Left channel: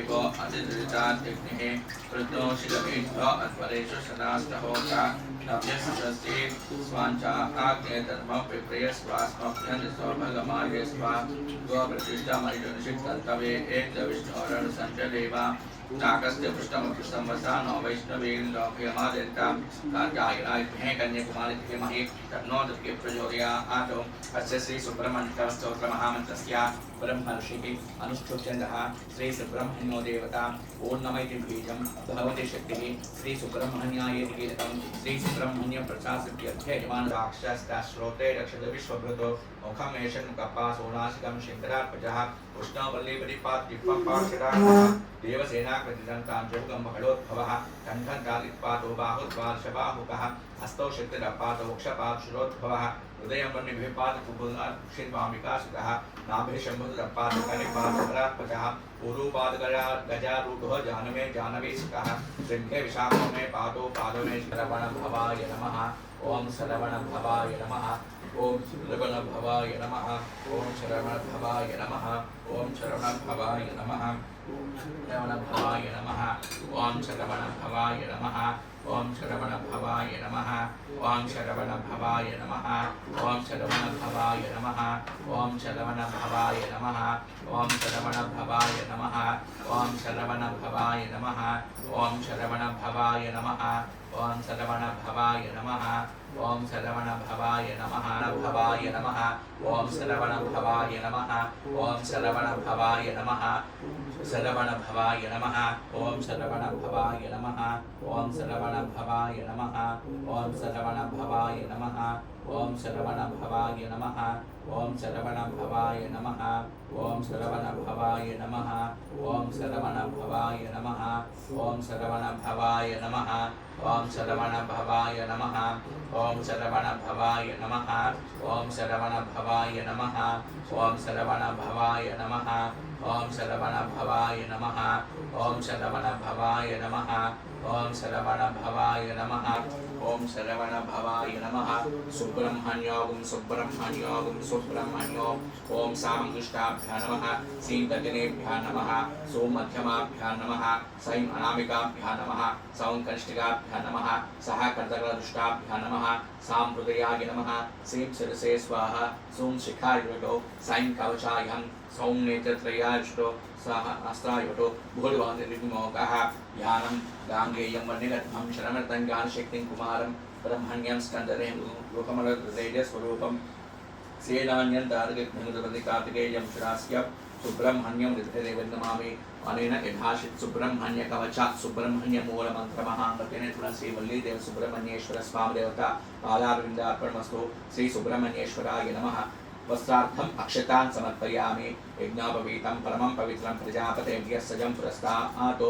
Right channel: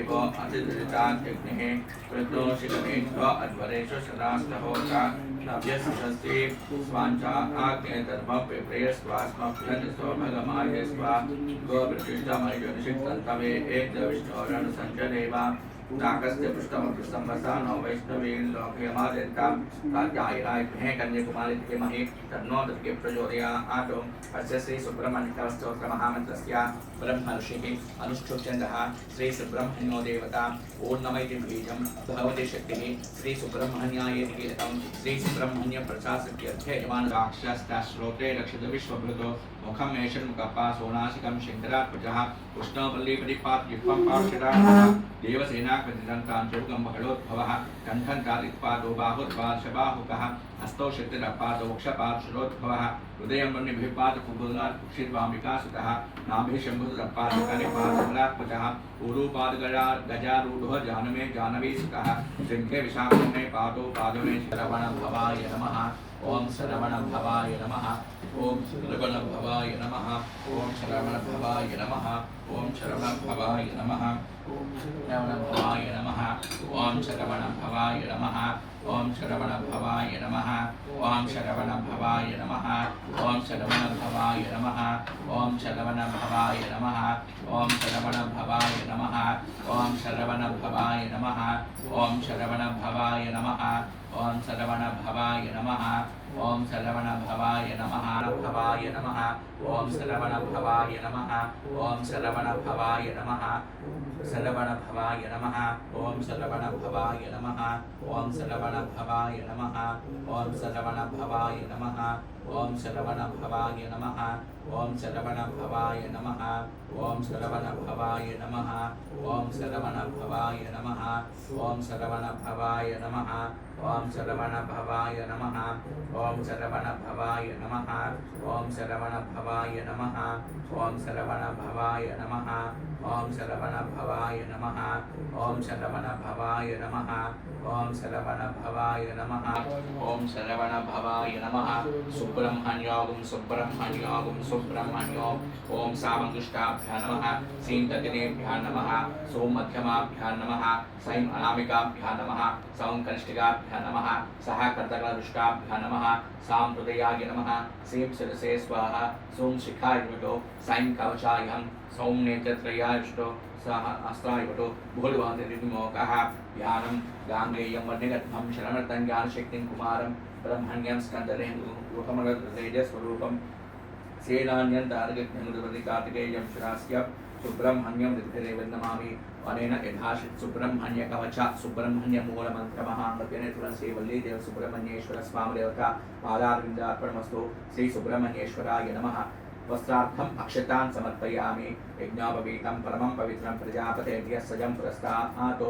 देवो अतिदृताग्निः कृतोषितमेभ्यो अध्वरेषु सदास्तहोता नव्यसि स्वाञ्चाग्नेधर्मः विप्रेयस्वास्मभ्यनिस्वभगमाय स्वा गोप्रतिष्ठामयुनिषिक्तन्तवे एकविष्णोरणसञ्चलेवा नागस्य पृष्ठमपृष्ठं वसानो वैष्णवीं लोकयमादित्यां कात्यायनाय महे कन्याकुमारी धीमहि तन्नो दुर्गे प्रचोदयात् अस्य श्री सुब्रह्मण्यस्तोत्रमहामन्त्रस्य ब्रह्मर्षिः अनुष्ठुप्छन्दः श्री सुब्रह्मण्यो देवता ओं नमः इति बीजं भगवती शक्तिः श्री सुब्रह्मण्याय इति कीलकं श्री सुब्रह्मण्य प्रसादस्य यमान वाक्षस्ताश्रोते रक्षित विश्वभृतो मुखं एषन् मुखपासोनासिकं शिन्दरात्मजः कृष्णवल्लीपरिपाद्विपं पाक्षराः देवसेनाकृतितं काञ्चोगं बहलोद्भवः कण्ठन्तादित्पादो बाहुर्पार्श्वबाहुकः हस्तौ शक्तिरपादो वक्षपार्श्वरोद्भवः हृदयं वह्निभिपादकुम्भुनाक्षिर्वामिकासुतः नाभिशम्भुतपादकरिपादकरात्मजः ऊरुपादगजारूढो जानमे जानवीसुतः शृङ्खे विशाखमे पादो पादमे श्रवणभवाय नमः ओम श्रवणभवाय नमः ओम श्रवणभवाय नमः ओम श्रवणभवाय नमः ओम श्रवणभवाय नमः श्रवणभवाय नमः ओम श्रवणभवाय नमः ओम श्रवणभवाय नमः ओम श्रवणभवाय नमः ओम श्रवणभवाय नमः ओम श्रवणभवाय नमः ओम श्रवणभवाय नमः ओम श्रवणभवाय नमः ओम श्रवणभवाय नमः ओम श्रवणभवाय नमः ओम श्रवणभवाय नमः भवाय नमः ओम श्रवणभवाय नमः ओम श्रवणभवाय नमः श्रवणभवाय नमः ओम श्रवणभवाय नमः ओम श्रवणभवाय नमः ओम श्रवणभवाय नमः ओम श्रवणभवाय नमः ओम श्रवणभवाय नमः ओम श्रवणभवाय नमः ओम श्रवणभवाय नमः ओम श्रवणभवाय नमः ओम श्रवणभवाय नमः ओम श्रवणभवाय नमः ओम श्रवणभवाय नमः ओम श्रवणभवाय नमः ओम श्रवणभवाय नमः ओम श्रवणभवाय नमः ओम श्रवणभवाय नमः ओम श्रवणभवाय नमः सुब्रह्मण्यागुं सुब्रह्मण्यागुं सुब्रह्मण्यो ओम सामङ्गुष्टाभ्यां नमः सीं तजनेभ्यां नमः सों मध्यमाभ्यां नमः सैं अनामिकाभ्यां नमः सौं कनिष्ठिकाभ्यां नमः सह कर्दकरुष्टाभ्यां नमः सां हृदयाय नमः सीं शिरसे स्वाहा सों शिखाय नमः सैं कवचायं सौं नेत्रत्रयायुष्टो सह अस्त्रायुटो भूलवादिमोकः ध्यानं गाङ्गेयं वर्णिगद्धं शरणमर्तं ज्ञानशक्तिं कुमारं ब्रह्मण्यं स्कन्दरेन्दुकमलहृदयस्वरूपं सेनान्यन्तारगज्ञमुदवल्लिकार्तिकेयं शुरास्य सुब्रह्मण्यं हृदयदेवं अनेन यथाशित् सुब्रह्मण्य कवचात् सुब्रह्मण्य मूलमन्त्रमहाङ्गतेन तुलसी वल्ली देव सुब्रह्मण्येश्वर स्वाम देवता पादारविन्दार्पणमस्तु श्री सुब्रह्मण्येश्वराय नमः वस्त्रार्थम् अक्षतान् समर्पयामि यज्ञोपवीतं परमं पवित्रं प्रजापतेभ्यः सजं पुरस्तात्